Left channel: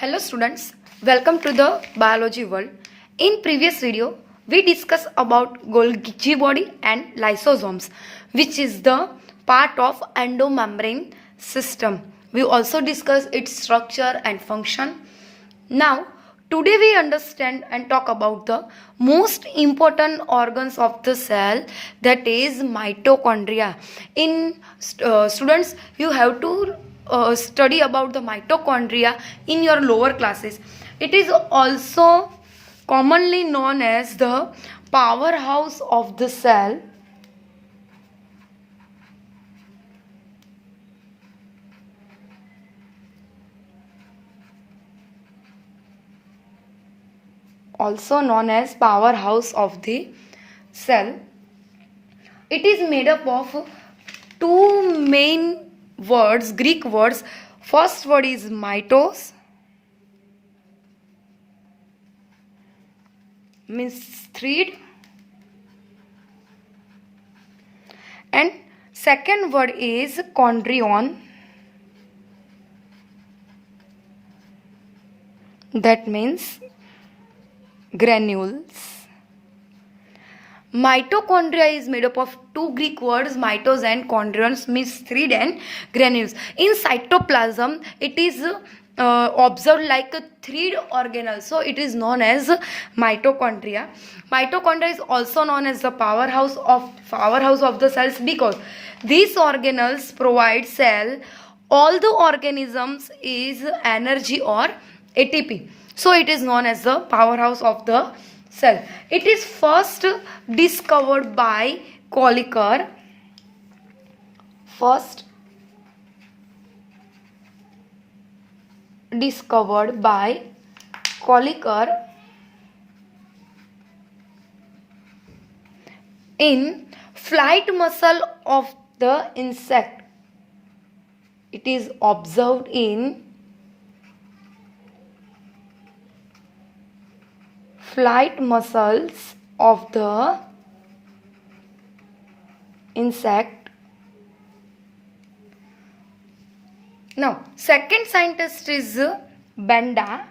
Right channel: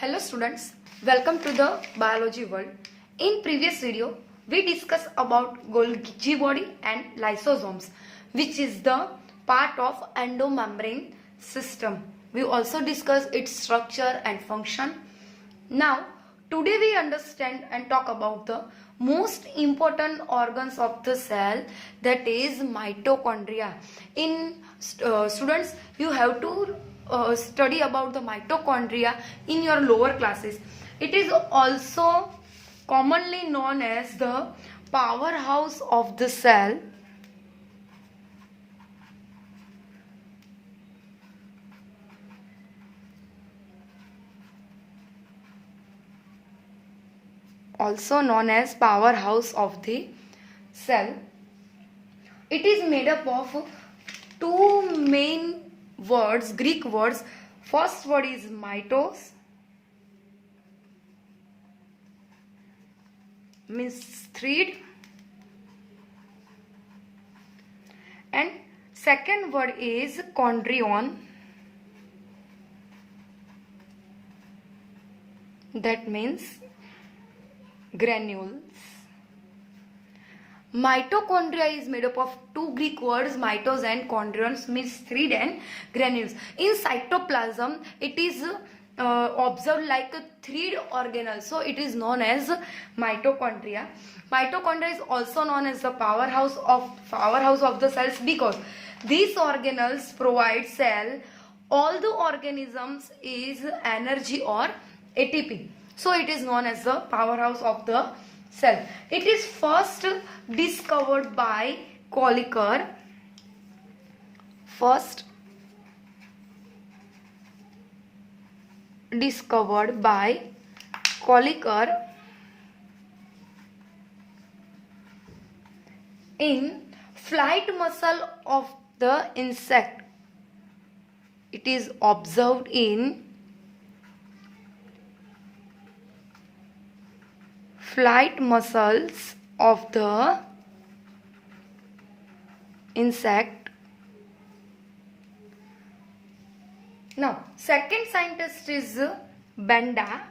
Hello students, welcome to the biology world. In previous video, we discussed about Golgi body and lysosomes, which is the part of endomembrane system. We also discussed its structure and function. Now, today we understand and talk about the most important organs of the cell, that is mitochondria. In students, you have to study about the mitochondria in your lower classes. It is also commonly known as the powerhouse of the cell. Also known as powerhouse of the cell. It is made up of two main words, Greek words. First word is mitos, means thread, and second word is chondrion, that means granules. Mitochondria is made up of two Greek words, mitos and chondrions, means thread and granules. In cytoplasm, it is observed like a thread organelle, so it is known as mitochondria. Mitochondria is also known as the powerhouse of the cells because these organelles provide cell all the organisms is energy or ATP. So it is known as the powerhouse of the cell. It is first discovered by Colliker. First discovered by Colliker in flight muscle of the insect. It is observed in flight muscles of the insect. Now, second scientist is Benda.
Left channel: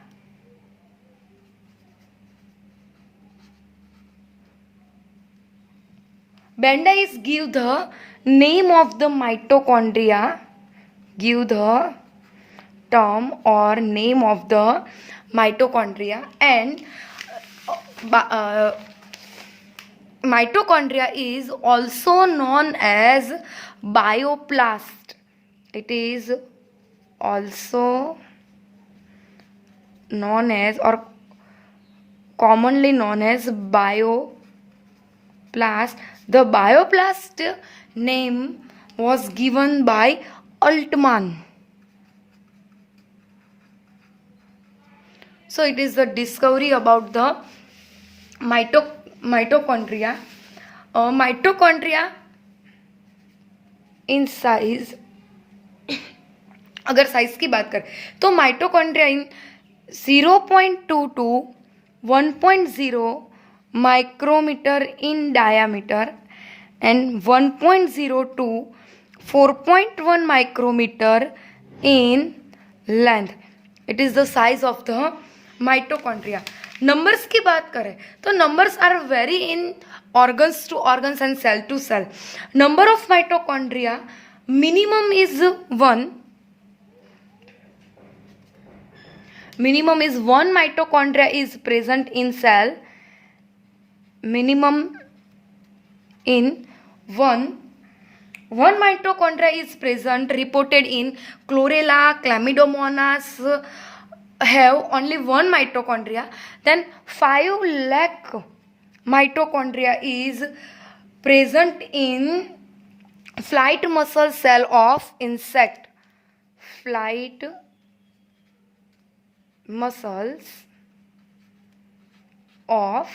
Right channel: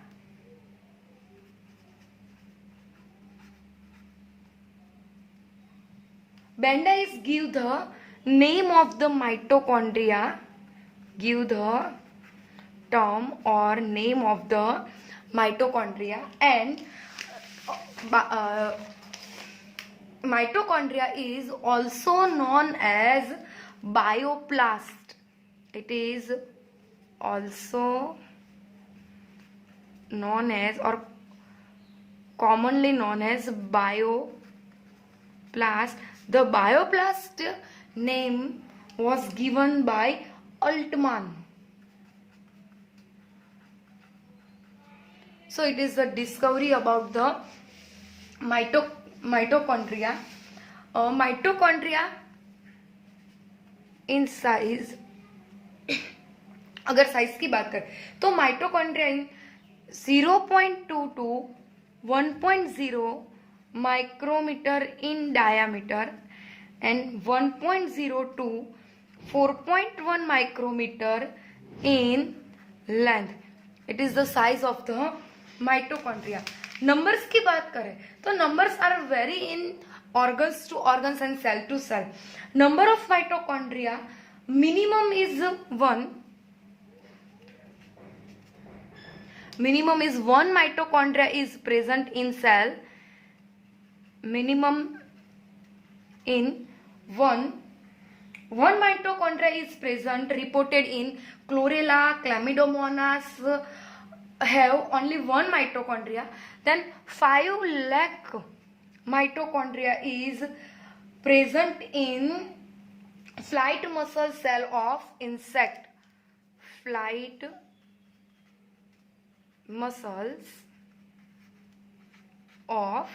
Benda is give the name of the mitochondria, give the term or name of the mitochondria, and mitochondria is also known as bioplast. It is also known as or commonly known as bioplast. The bioplast name was given by Altman. So it is the discovery about the mitochondria. Mitochondria in size, अगर size की बात करें तो mitochondria in 0.2 to 1.0 micrometre in diameter and 1.0 to 4.1 micrometer in length. It is the size of the mitochondria. Numbers की बात करें तो numbers are vary in organs to organs and cell to cell. Number of mitochondria minimum is 1. Minimum is 1 mitochondria is present in cell. Minimum in 1 mitochondria is present, reported in chlorella, chlamydomonas have only 1 mitochondria. Then 5 lakh mitochondria is present in flight muscle cell of insect. Flight muscles of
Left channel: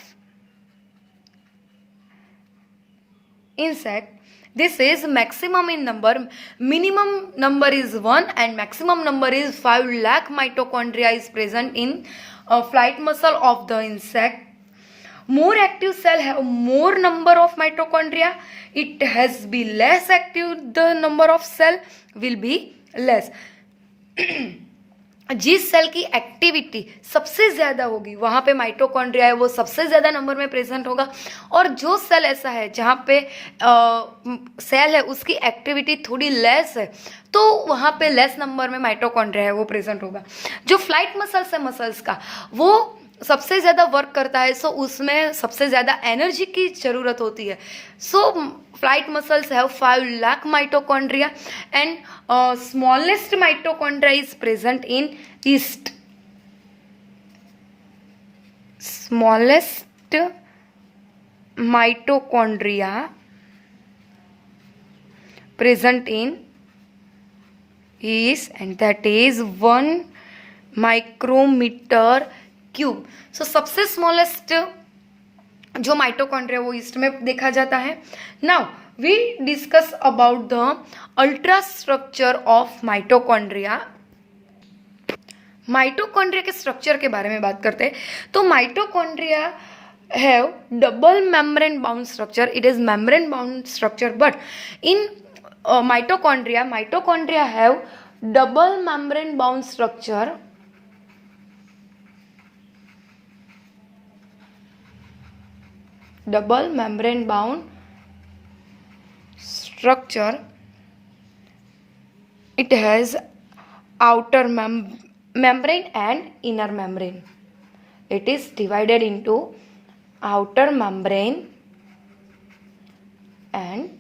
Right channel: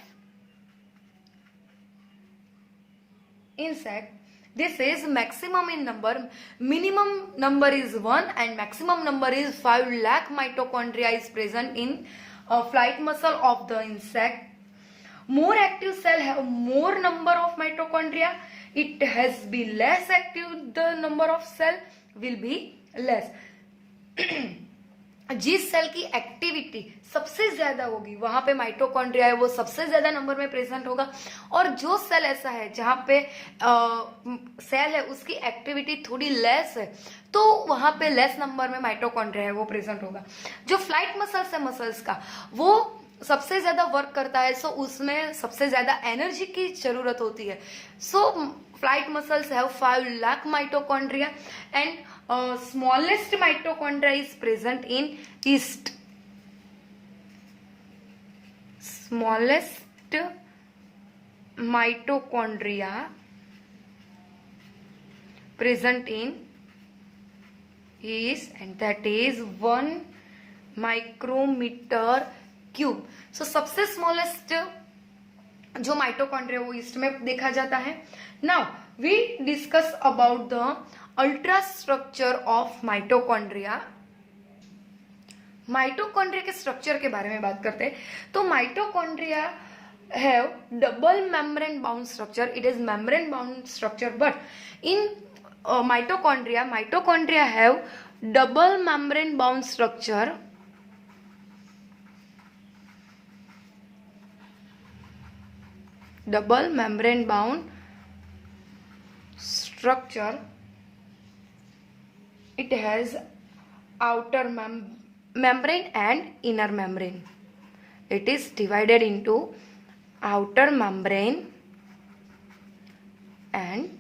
insect. This is maximum in number. Minimum number is 1 and maximum number is 5 lakh mitochondria is present in flight muscle of the insect. More active cell have more number of mitochondria. It has be less active, the number of cell will be less. जिस cell की activity सबसे ज़्यादा होगी वहाँ पे mitochondria है वो सबसे ज़्यादा नंबर में प्रेजेंट होगा, और जो सेल ऐसा है जहाँ पे सेल है उसकी एक्टिविटी थोड़ी लेस है तो वहाँ पे लेस नंबर में माइटोकॉन्ड्रिया है वो प्रेजेंट होगा। जो फ्लाइट मसल्स है मसल्स का वो सबसे ज़्यादा वर्क करता है, सो उसमें सबसे ज़्यादा एनर्जी की ज़रूरत होती है। So flight muscles have 5 lakh mitochondria and smallest mitochondria is present in yeast. Smallest mitochondria present in yeast, and that is 1 micrometer cube. So सबसे smallest जो माइटोकॉन्ड्रिया वो ईस्ट में देखा जाता है। Now we discuss about the ultra structure of mitochondria. Mitochondria के structure के बारे में बात करते हैं तो mitochondria have double membrane bound structure. It is membrane bound structure, but in mitochondria have double membrane bound structure double membrane bound structure. It has outer membrane and inner membrane. It is divided into outer membrane and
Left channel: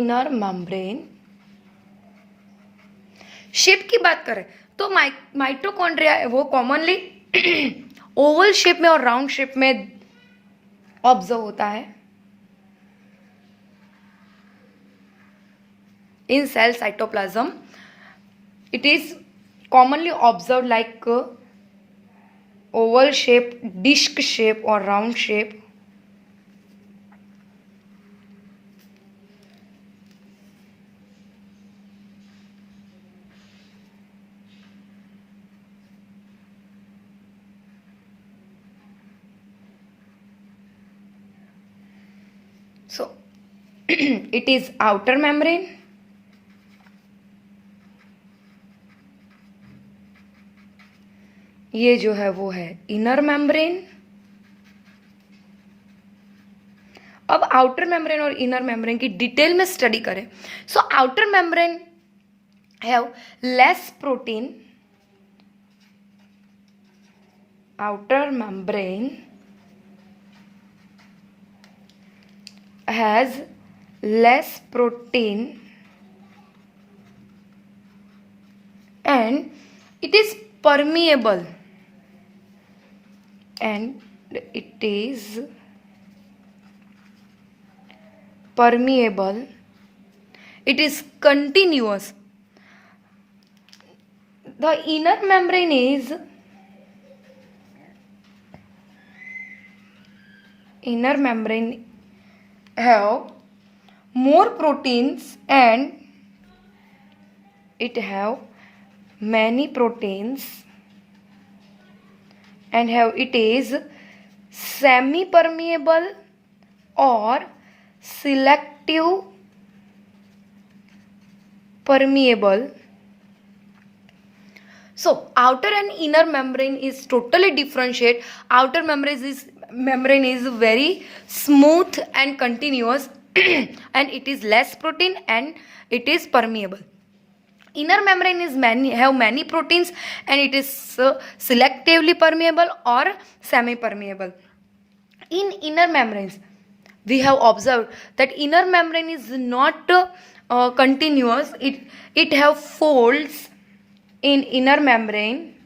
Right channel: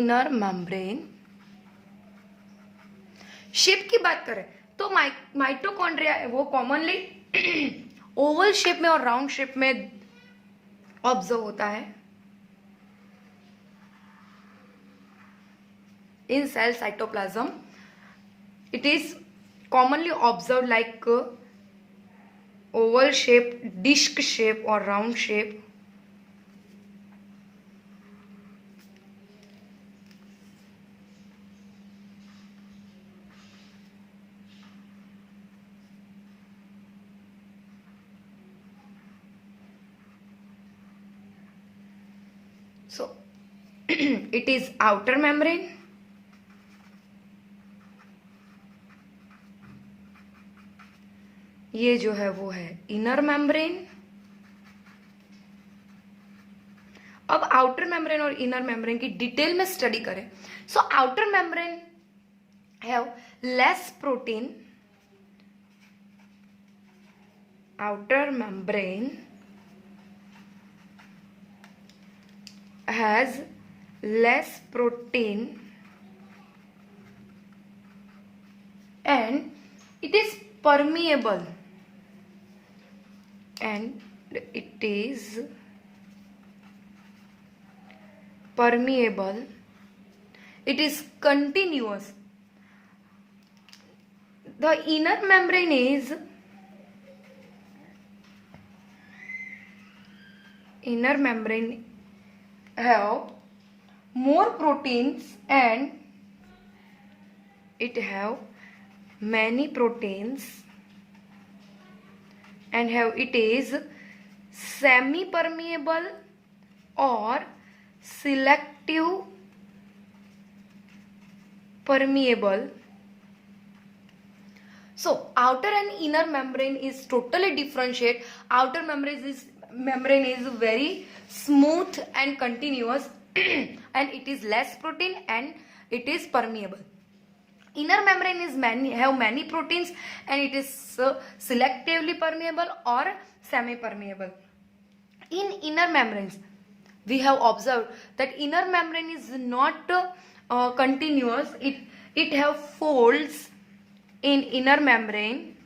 inner membrane. Shape की बात करें तो mitochondria वो commonly Oval shape में और round shape में observe होता है in cell cytoplasm. It is commonly observe like oval shape, disc shape और round shape. So it is outer membrane, ये जो है वो है इनर मेम्ब्रेन। अब आउटर मेम्ब्रेन और इनर मेम्ब्रेन की डिटेल में स्टडी करें। So outer membrane have less protein, outer membrane has less protein and it is permeable, and it is permeable. It is continuous. The inner membrane is have more proteins and it have many proteins and have it is semi permeable or selective permeable. So outer and inner membrane is totally differentiate. Outer membrane is very smooth and continuous and it is less protein and it is permeable. Inner membrane is have many proteins and it is selectively permeable or semi permeable. In inner membranes we have observed that inner membrane is not continuous. It have folds in inner membrane.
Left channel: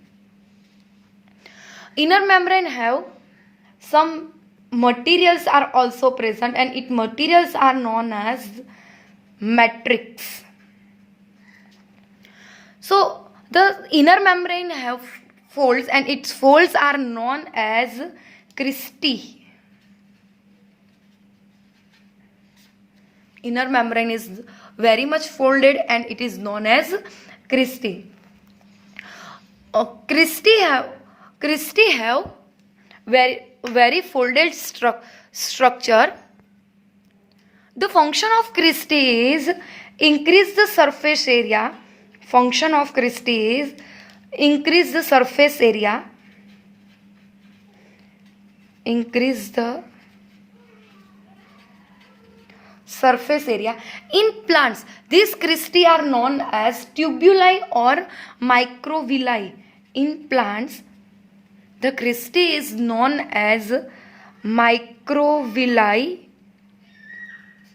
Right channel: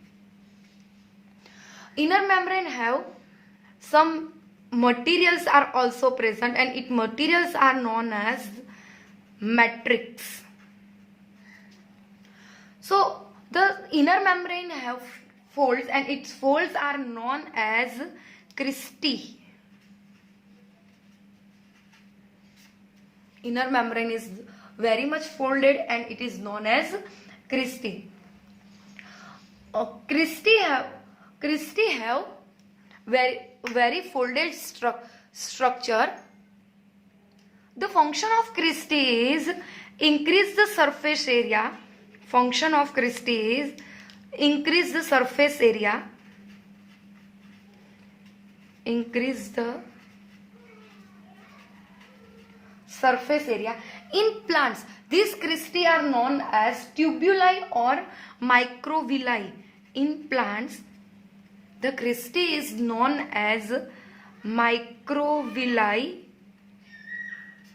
Inner membrane have some materials are also present and its materials are known as matrix. So the inner membrane have folds and its folds are known as cristae. Inner membrane is very much folded and it is known as cristae. Cristae have very folded structure. The function of cristae is increase the surface area function of cristae is increase the surface area, increase the surface area. In plants, these cristae are known as tubuli or microvilli. In plants, the cristae is known as microvilli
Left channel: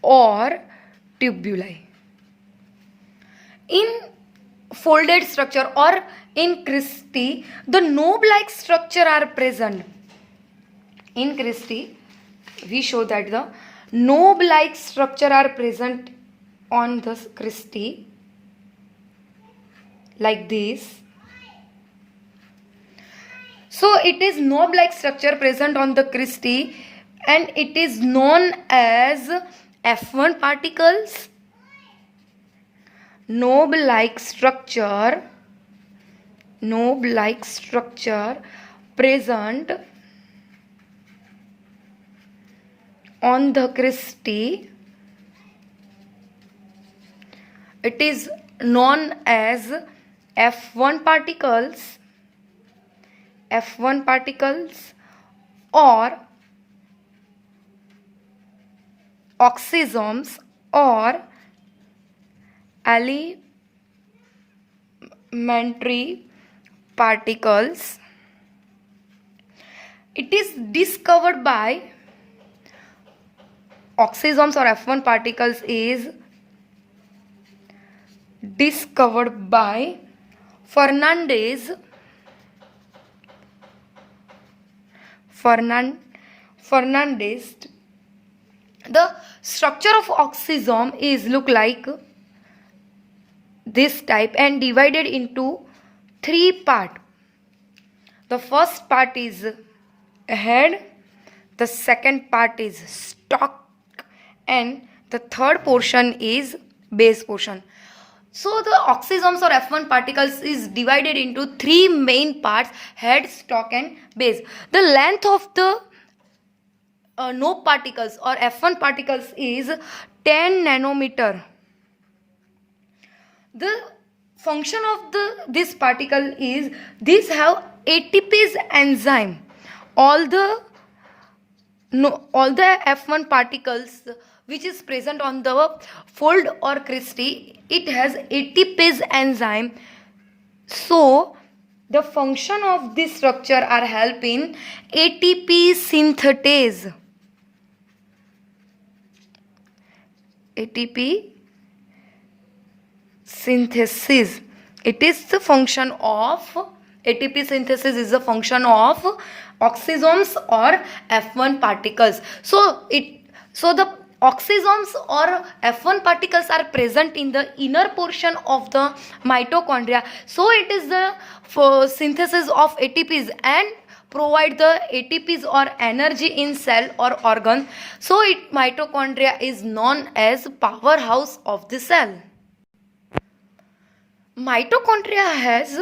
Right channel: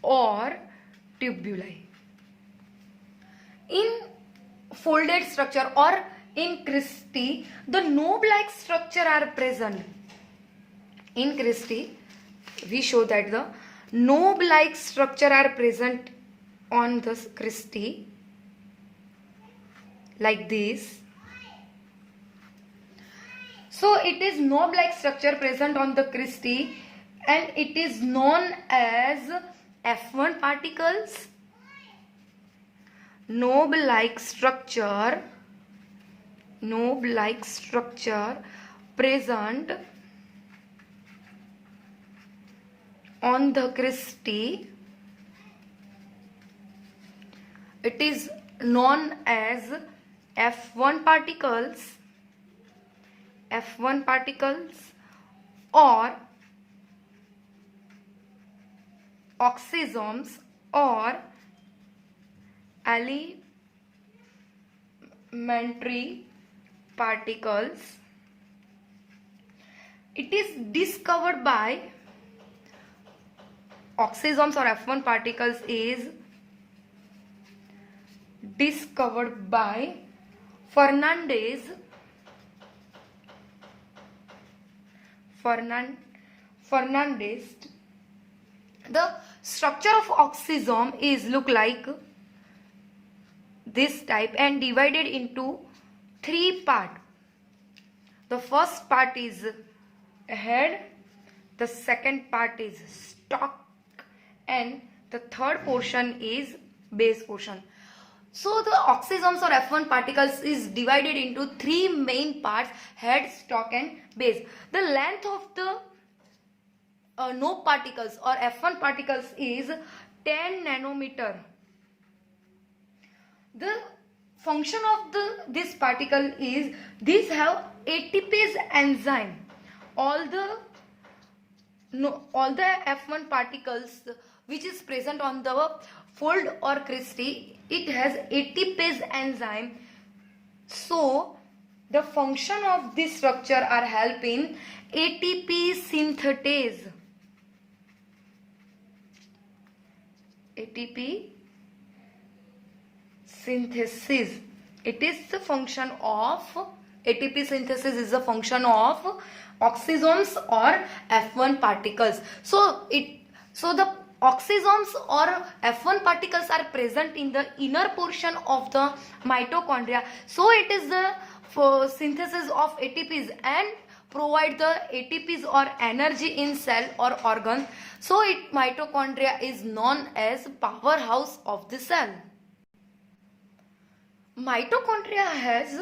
or tubuli. In folded structure or in cristae, the knob-like structure are present. In cristae, we show that the knob-like structure are present on the cristae like this. So it is knob-like structure present on the cristae and it is known as F1 particles. Knob-like structure present on the cristae, it is known as F1 particles, or oxysomes or elementary particles. It is discovered by oxysomes or F1 particles is discovered by Fernandez. The structure of oxysome is look like this type and divided into 3 parts. The first part is head, the second part is stalk, and the third portion is base portion. So the oxysomes or F1 particles is divided into 3 main parts: head, stalk and base. The length of the knob particles or F1 particles is 10 nanometer. The function of this particle is these have ATPase enzyme. All the F1 particles which is present on the fold or cristae, it has ATPase enzyme. So the function of this structure are help in ATP synthase. ATP synthesis. It is the function of ATP synthesis is a function of oxysomes or F1 particles. So the oxysomes or F1 particles are present in the inner portion of the mitochondria. So it is the synthesis of ATPs and provide the ATPs or energy in cell or organ. So mitochondria is known as powerhouse of the cell. Mitochondria has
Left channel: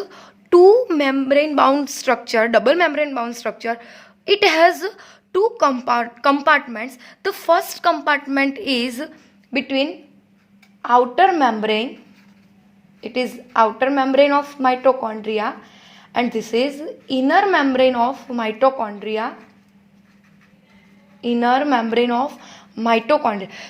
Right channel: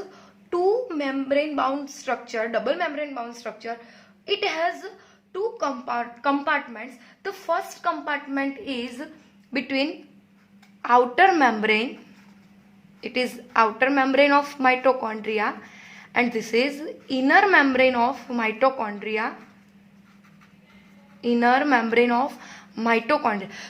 double membrane bound structure. It has 2 compartments. The first compartment is between outer membrane. It is outer membrane of mitochondria, and this is inner membrane of mitochondria.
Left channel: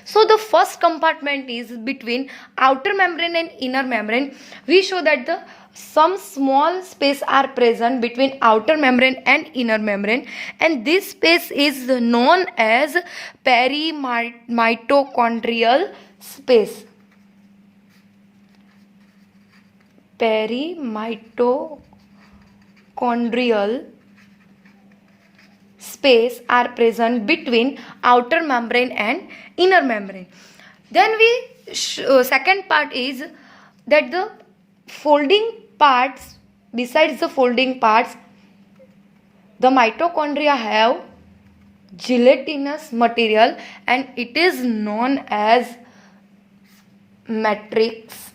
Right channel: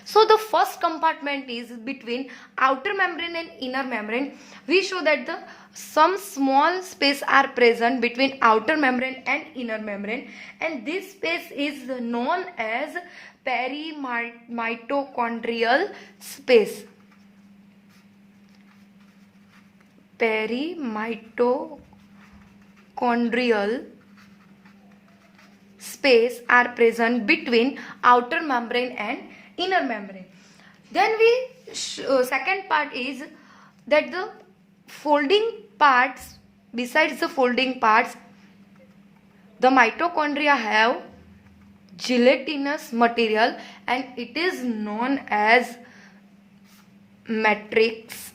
So the first compartment is between outer membrane and inner membrane. We show that some small space are present between outer membrane and inner membrane, and this space is known as perimitochondrial space. Perimitochondrial space are present between outer membrane and inner membrane. Then second part is that the folding parts, besides the folding parts, the mitochondria have gelatinous material and it is known as matrix.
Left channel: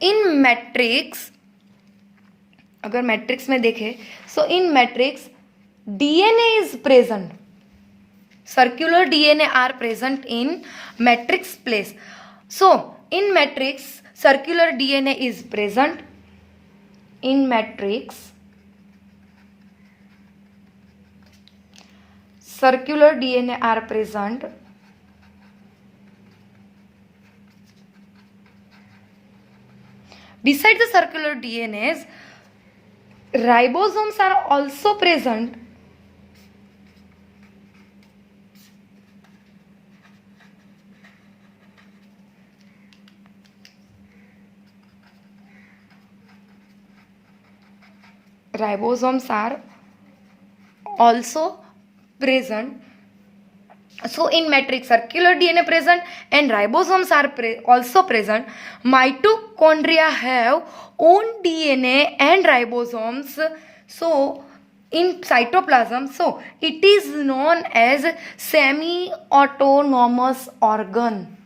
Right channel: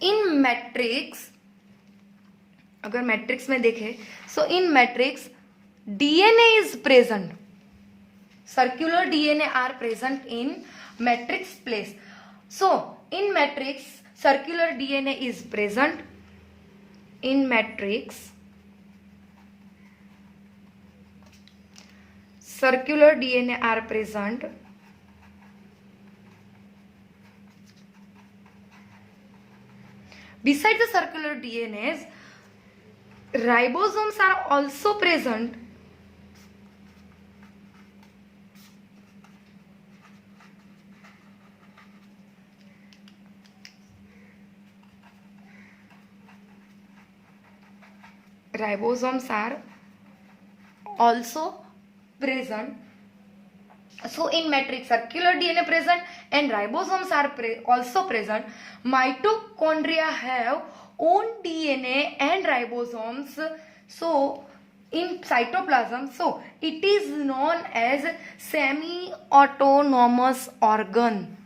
In matrix, अगर matrix में देखें, so in matrix DNA is present. Circular DNA are present in matrix place. So in matrix circular DNA is present in matrix. Circular DNA are present beside the circular DNAs. Ribosomes are also present so in matrix circular DNA present and ribosomes are also present. Mitochondria have own DNA and ribosomes, so in cytoplasm, so it is known as semi-autonomous organ.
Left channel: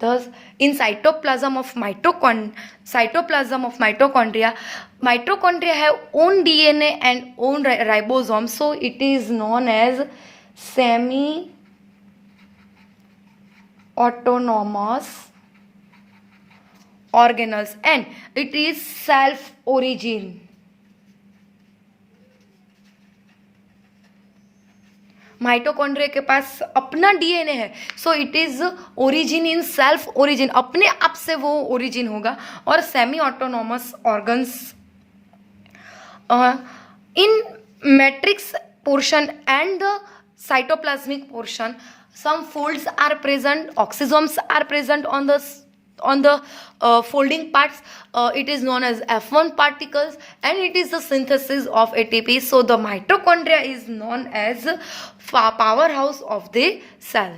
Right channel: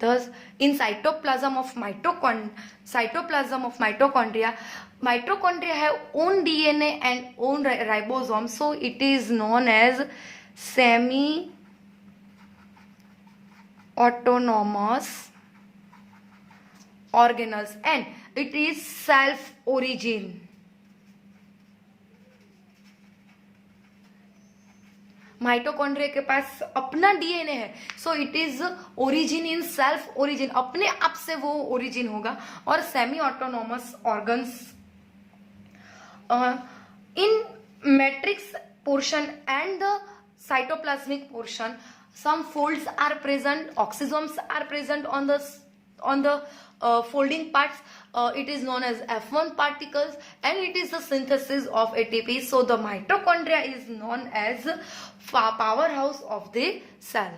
Thus, in cytoplasm of mitochondria, mitochondria have own DNA and own ribosomes, so it is known as semi-autonomous organelles, and it is self-origin. Mitochondria के पास अपना DNA है, so it is origin in self origin, अपने आप से वो origin होगा. और semi autonomous organs in matrix portion and the cytoplasmic portion, some folds are present, oxysomes are present on the folding parts. It is known as F1 particles, and it is the synthesis of ATP. So the mitochondria is known as powerhouse of the cell.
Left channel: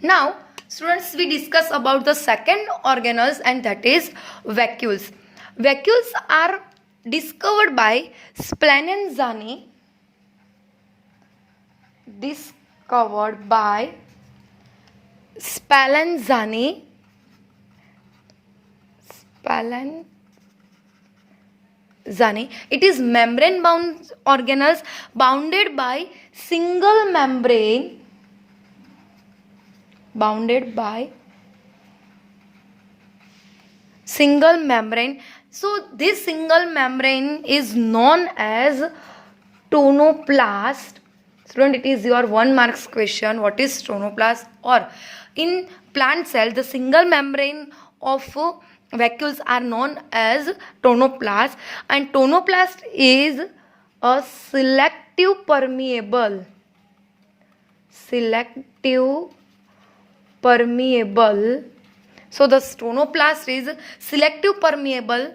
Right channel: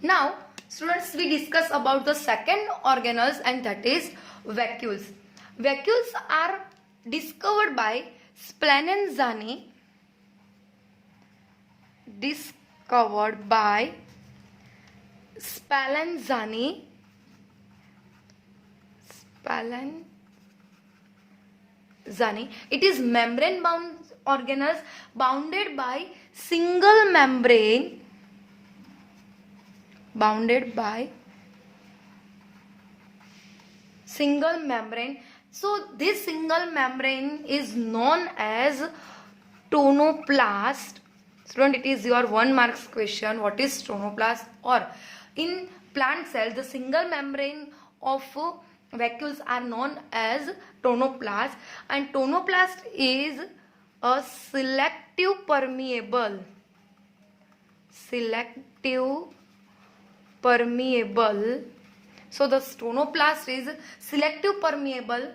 Now students, we discuss about the second organelles, and that is vacuoles. Vacuoles are discovered by Spallanzani. It is membrane bound organelles bounded by single membrane. So this single membrane is known as tonoplast. Student, it is your 1 marks question. What is tonoplast? Or in plant cell, the single membrane of vacuoles are known as tonoplast, and tonoplast is a selective permeable. So the tonoplast is selective permeable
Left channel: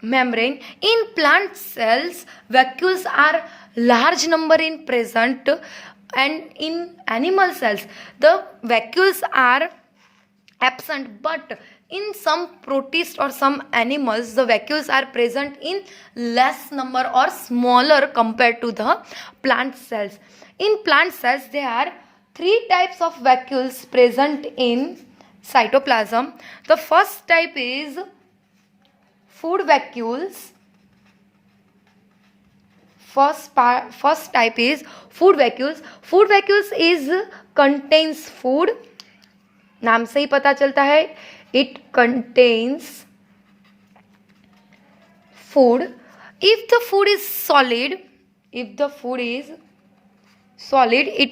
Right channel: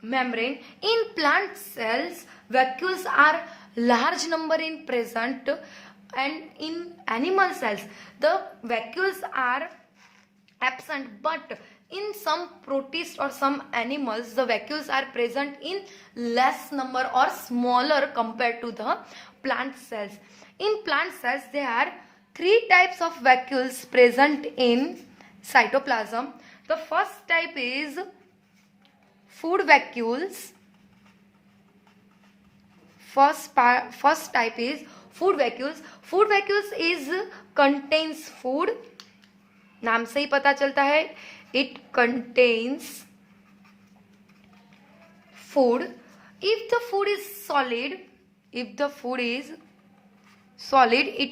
membrane. In plant cells, vacuoles are large number in present, and in animal cells the vacuoles are absent, but in some protists or some animals the vacuoles are present in less number or smaller compared to the plant cells. In plant cells there are 3 types of vacuoles present in cytoplasm. The first type is food vacuoles. First type is food vacuoles. Food vacuoles is contains food. नाम से ही पता चलता है, it contains food. If the food is solid, it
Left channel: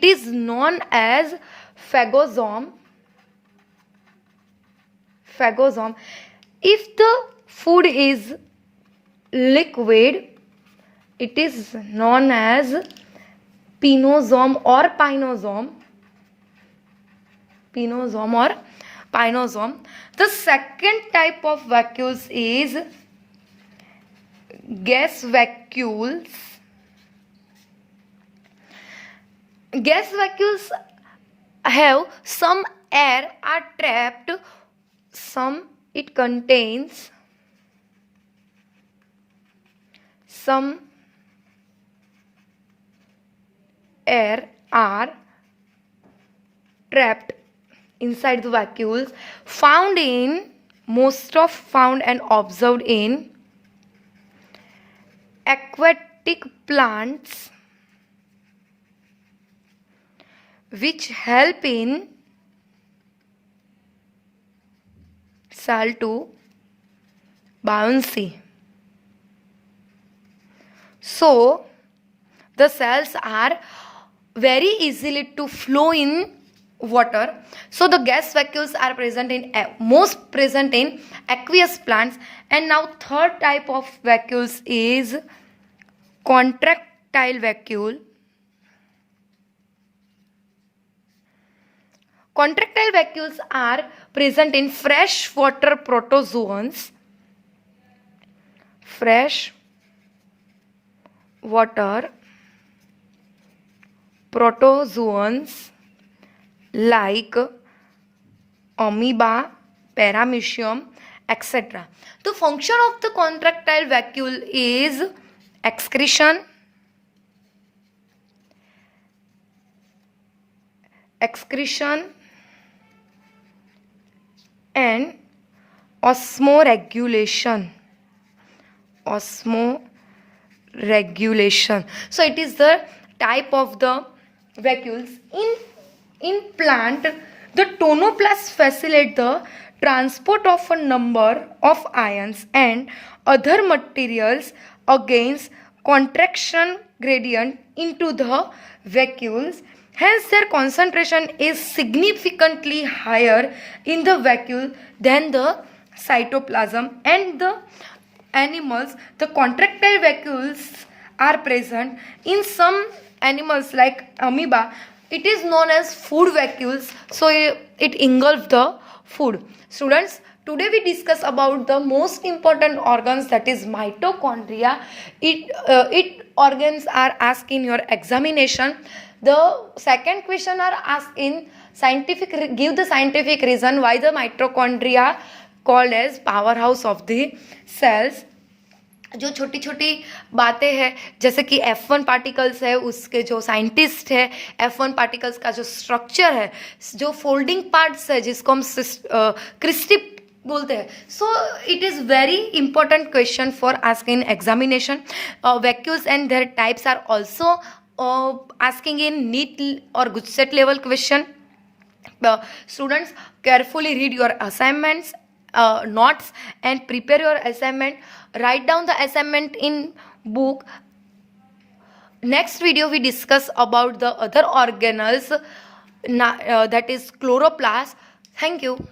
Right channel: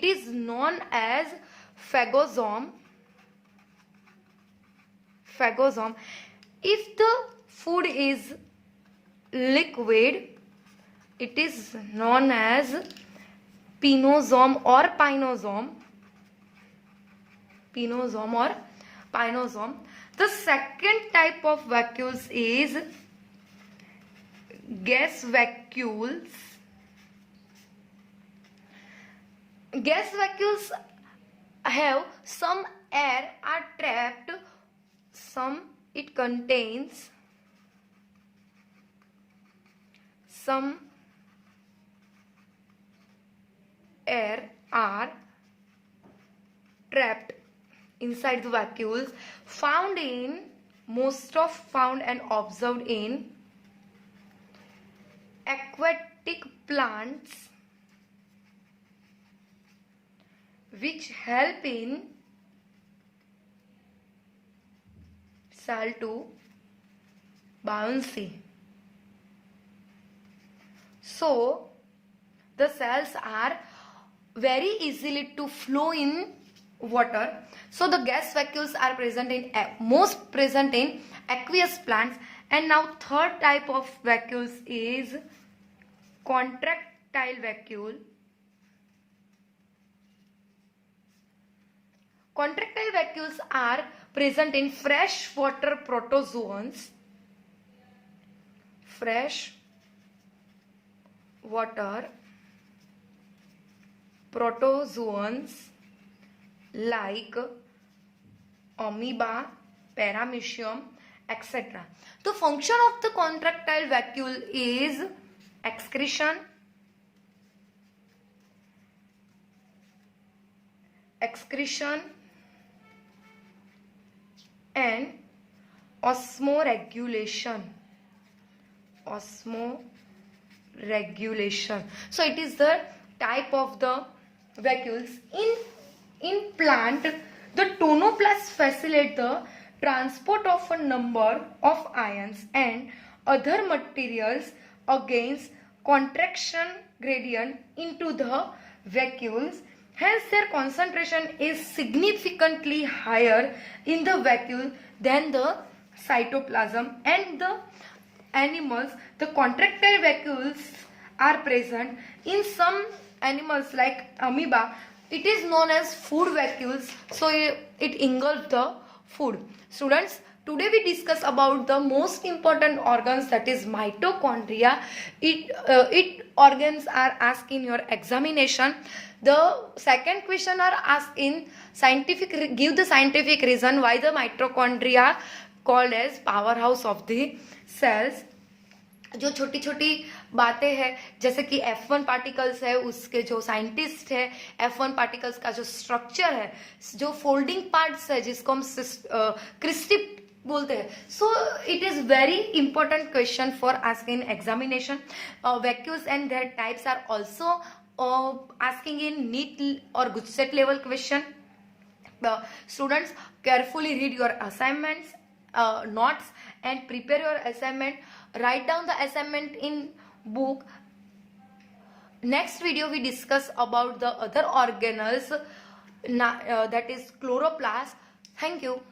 is known as phagosome. If the food is liquid, it is known as pinosome or pinosome. The second type of vacuoles is gas vacuoles. Gas vacuoles have some air are trapped, it contains some air are trapped inside the vacuoles, found and observed in aquatic plants, which help in cell to buoyancy. So the cells are very easily to flow in water. So the gas vacuoles are most present in aqueous plants. And now third type of vacuoles is contractile vacuole. Contractile vacuoles are present in freshwater protozoans. Freshwater protozoans like amoeba, paramecium, etc. The function of the contractile vacuole is excretion, and osmoregulation. So it is the type of the vacuoles. In plant, the tonoplast facilitate the transport of a number of ions and other materials against contraction gradient into the vacuoles. Hence, their concentration is significantly higher in the vacuole than the cytoplasm. And the animals, the contractile vacuoles are present in some animals like amoeba. It is known as food vacuoles, so it engulfs the food. Students, today we discuss about the most important organs, that is mitochondria. It organs are asked in your examination. The second question are asked in scientific, give the scientific reason why the mitochondria called as powerhouse of the cells. जो छोटी छोटी बातें हैं, जैसे कि F1 particles है, उसके जो साइंटिस्ट है, F1 पार्टिकल्स का जो स्ट्रक्चर है, जो फोल्डिंग पार्ट्स है जिसको हम क्रिस्टिप बोलते हैं. So it is very important question for asking examination. Vacuoles and their types are also asking in NEET or GUJSET level question. Students, carefully read your assignments, notes, and prepare your assignment. Write down the assignment in book. Next video we discuss about the other organelles, that is chloroplast. Thank you.